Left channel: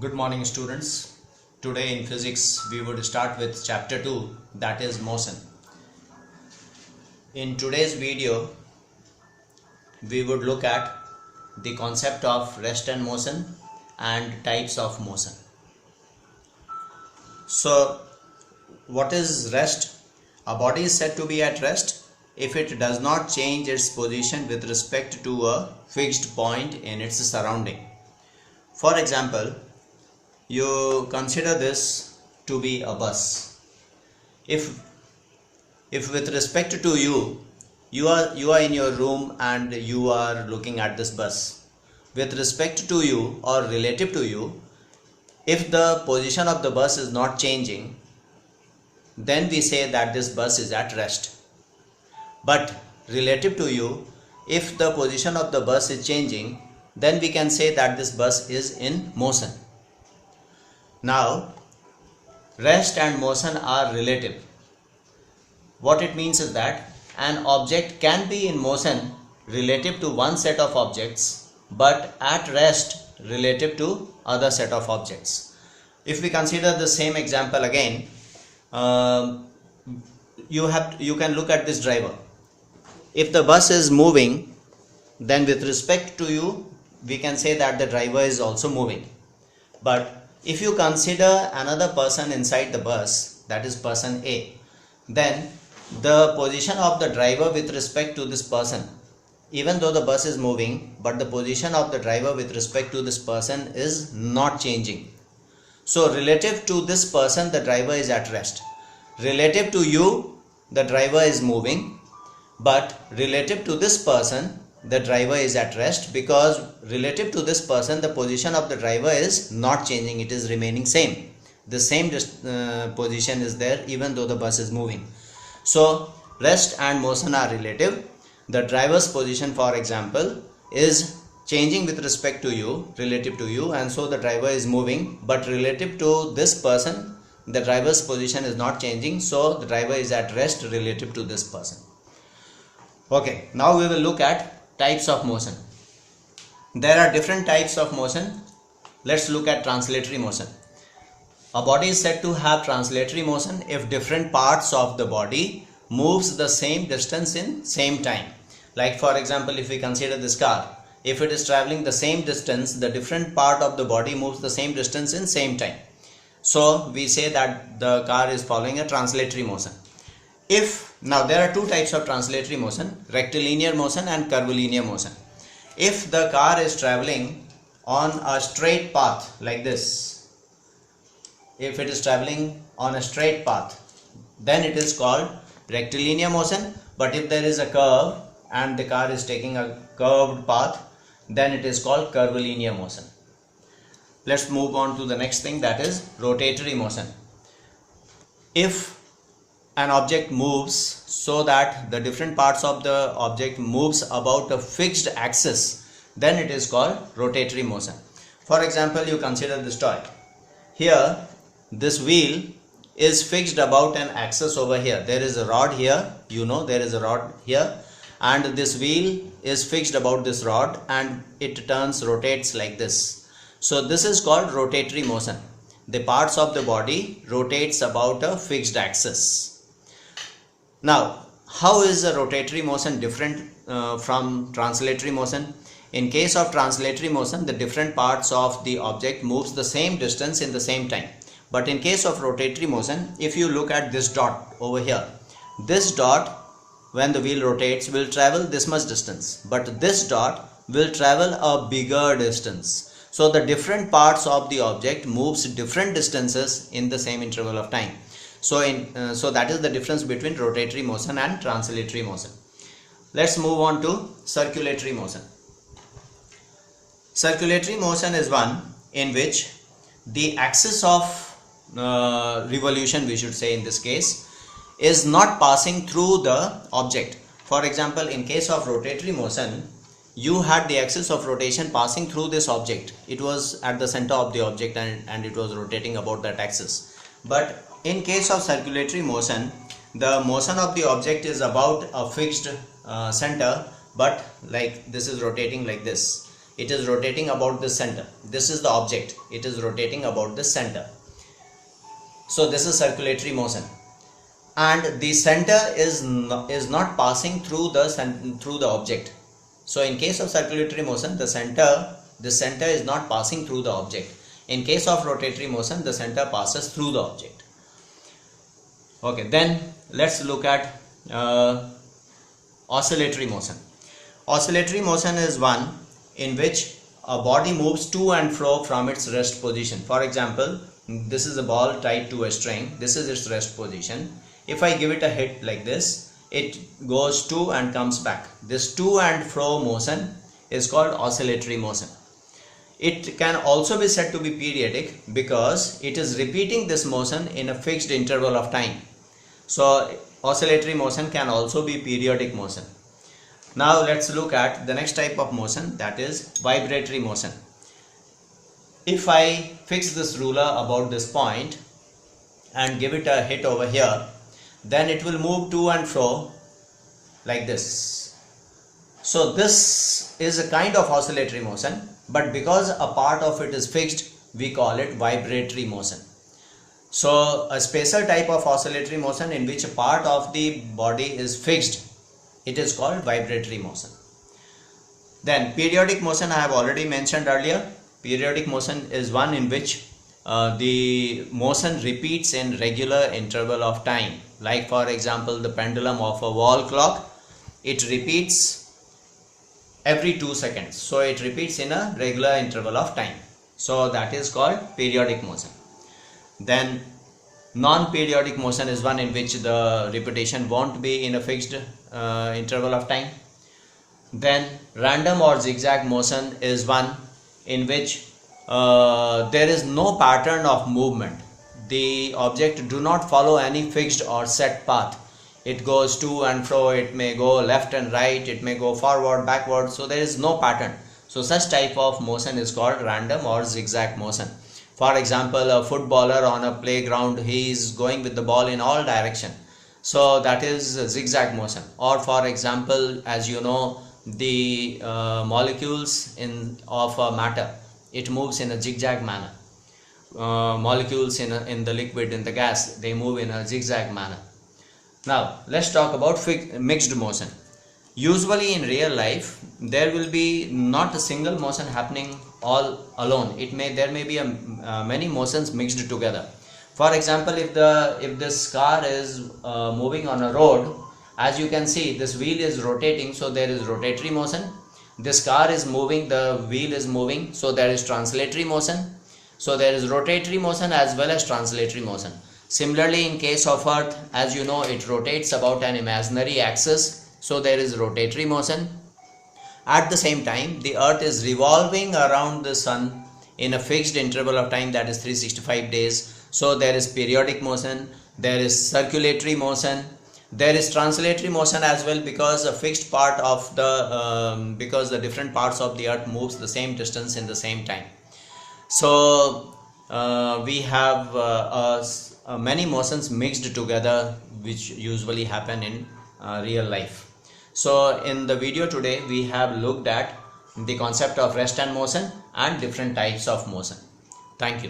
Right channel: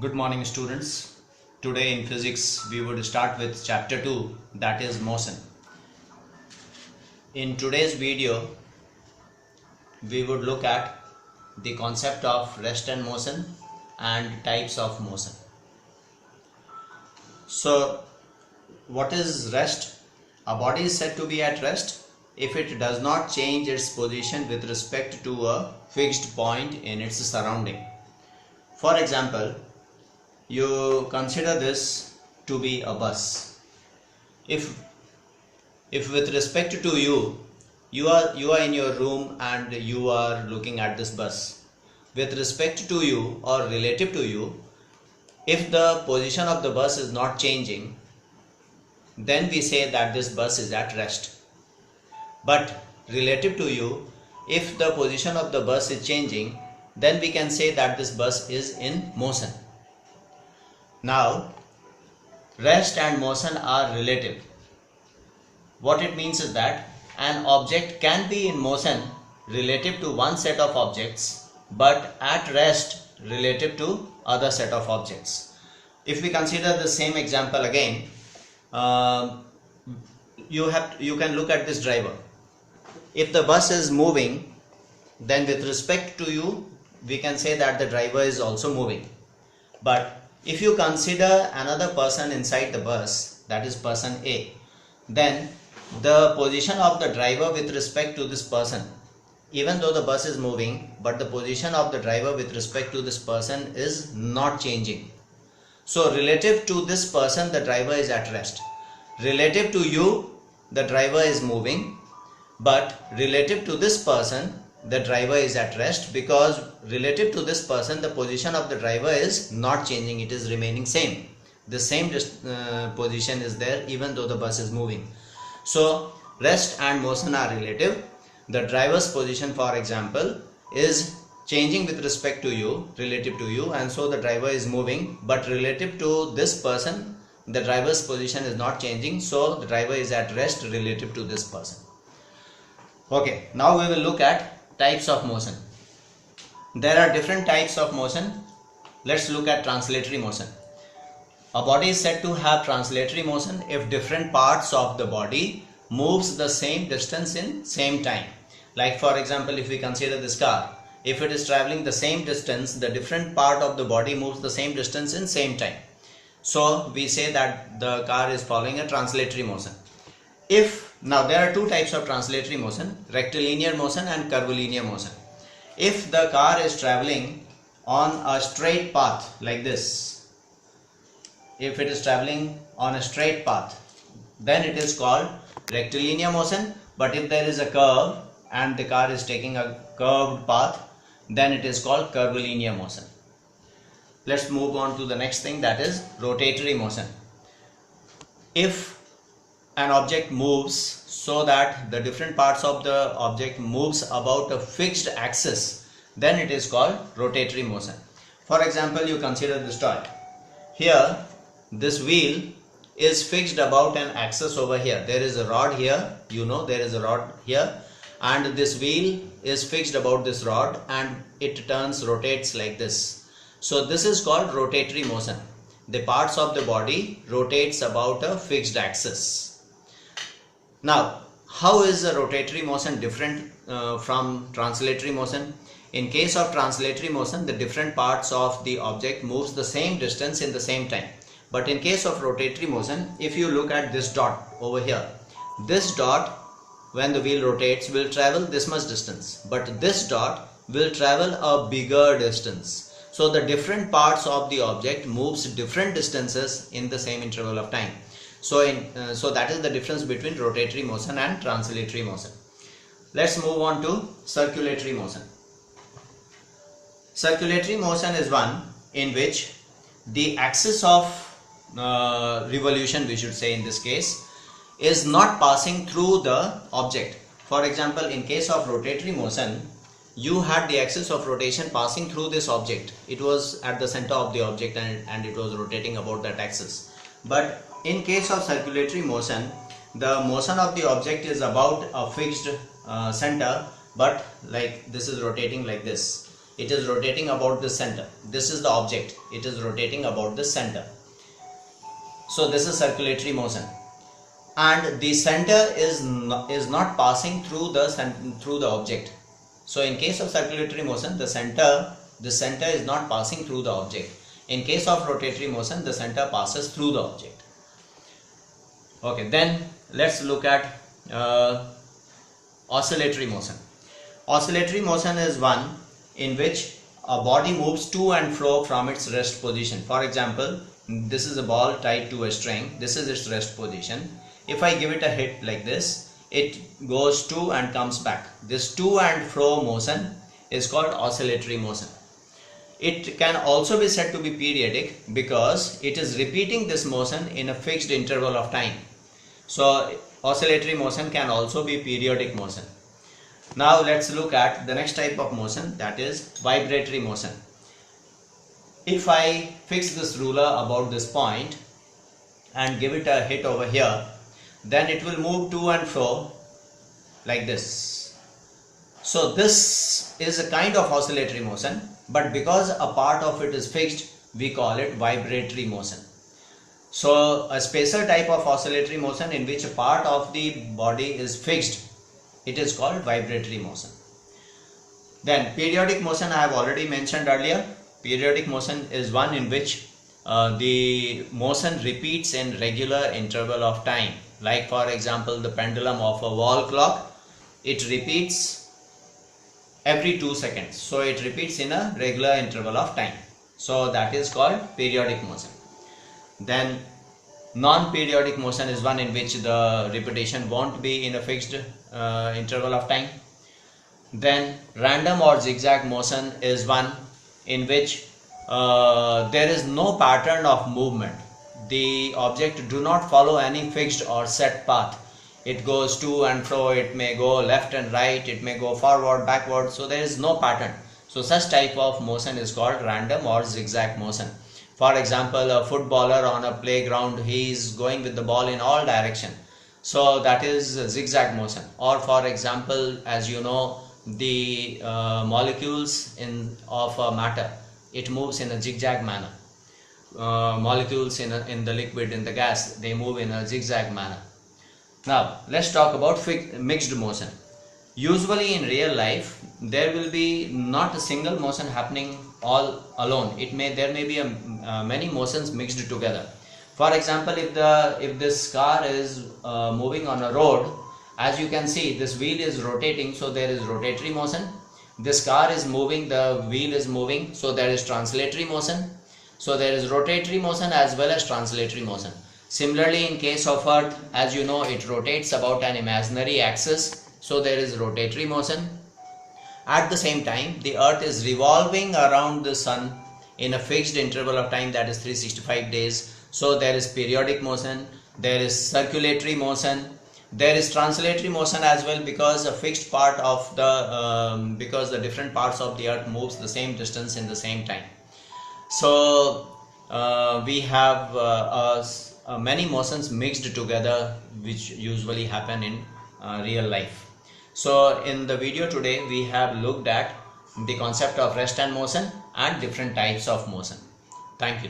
Good morning students. Today in physics we would start with chapter 2, that is motion. In today's video we would look at the concept of rest and motion and types of motion. So what is rest? A body is said to be at rest if it does not change its position with respect to a fixed point in its surrounding. For example, you consider this to be a bus. If with respect to you are in your room and you are looking at this bus, with respect to you or relative to you, if the position of the bus is not changing, then we say that this bus is at rest. But relative to you, if the position of the bus is changing, then we can say that this bus is in motion. Now, rest and motion are relative. What it means is that an object can be in motion relative to one set of objects, but at rest relative to other set of objects. If we consider the same example again, you can look at this driver. If the bus is moving, then with respect to you, we can say that the driver is also moving. But if you consider another person inside the bus, that is person A, then the position of the driver with respect to this person, even though the bus is moving, but the position of the driver with respect to this person is not changing. So relative to this person, the driver is at rest. Relative to you, the driver is moving, but relative to this person, the driver is at rest, because relative to this person the position of the driver is not changing, it is remaining same. The same position is there even though the bus is moving. So rest and motion are relative. The driver's position, for example, is changing with respect to you, relative to you, and so the driver is moving, but relative to this person the driver's position is not changing, so the driver is at rest relative to this person. Okay, now we will look at types of motion. There are different types of motion. Let's look at translatory motion. A body is said to have translatory motion if different parts of the body moves the same distance in same time. Like for example, if we consider this car, if it is traveling the same distance, the different part of the body moves the same distance in same time. So we say that the car is following a translatory motion. Now there are two types of translatory motion, rectilinear motion and curvilinear motion. If the car is traveling on a straight path like this, if it is traveling on a straight path, then it is called rectilinear motion. But if there is a curve and the car is taking a curved path, then it is called curvilinear motion. Let's move on to the next thing, that is rotatory motion. If an object moves so that the different parts of the object moves about a fixed axis, then it is called rotatory motion. For example, you consider this toy. Here this wheel is fixed about an axis over here. There is a rod here, there is a rod here, and this wheel is fixed about this rod and it rotates like this. So this is called rotatory motion. The parts of the body rotates about a fixed axis. Now, how is a rotatory motion different from translatory motion? In case of translatory motion, the different parts of the object moves the same distance in the same time. But in case of rotatory motion, if you look at this dot over here, this dot, when the wheel rotates, will travel this much distance, but this dot will travel a bigger distance. So the different parts of the object moves different distances in the same interval of time. So that is the difference between rotatory motion and translatory motion. Let's move on to circulatory motion. Circulatory motion is one in which the axis of revolution, we should say in this case, is not passing through the object. For example, in case of rotatory motion, you had the axis of rotation passing through this object. It was at the center of the object and it was rotating about that axis. But in case of circulatory motion, the motion of the object is about a fixed center, but like this is rotating like this. it is rotating about the center. This is the object, it is rotating about the center. So this is circulatory motion, and the center is not passing through the object. So in case of circulatory motion, the center is not passing through the object. In case of rotatory motion, the center passes through the object. Okay, then let's look at oscillatory motion. Oscillatory motion is one in which a body moves to and fro from its rest position. For example, this is a ball tied to a string. This is its rest position. If I give it a hit like this, it goes to and comes back. This to and fro motion is called oscillatory motion. It can also be said to be periodic because it is repeating this motion in a fixed interval of time. So oscillatory motion can also be periodic motion. Now let's look at the next type of motion, that is vibratory motion. If I fix this ruler about this point and give it a hit over here, then it will move to and fro like this. So this is a kind of oscillatory motion, but because a part of it is fixed, we call it vibratory motion. So a special type of oscillatory motion in which a part of the body is fixed, it is called vibratory motion. Then periodic motion I have already mentioned earlier. Periodic motion is one in which the motion repeats in regular interval of time. Like for example, the pendulum of a wall clock, it repeats every 2 seconds. So it repeats in a regular interval of time. So that is called periodic motion. Then non-periodic motion is one in which the repetition won't be in a fixed interval of time. Then random or zigzag motion is one in which there is no pattern of movement. The object do not follow any fixed or set path. It goes to and fro, it may go left and right, it may go forward, backward, so there is no pattern. So such type of motion is called random or zigzag motion. For example, a footballer on a playground, he is going with the ball in all direction. So that is zigzag motion. Or for example, as you know, the molecules of a matter, it moves in a zigzag manner. Molecules in the liquid, in the gas, they move in a zigzag manner. Now let's talk about mixed motion. Usually in real life there will be not a single motion happening all alone. There may be many motions mixed together. For example, if this car is moving on a road, as you can see, this wheel is rotating, so there is rotatory motion. This car is moving, the wheel is moving, so there is translatory motion. So there is rotatory motion as well as translatory motion. Similarly, in case of Earth, as you know, it rotates about an imaginary axis, so there is rotatory motion. At the same time, the Earth is revolving around the Sun in a fixed interval of time, that is 365 days. So there is periodic motion, there is circulatory motion, there is translatory motion as well, because a fixed part of because the different parts of the Earth moves the same distance in the same time. So we have many motions mixed together which usually happen in real life. So in the video today we have looked at the concept of rest and motion and different types of motion. Thank you.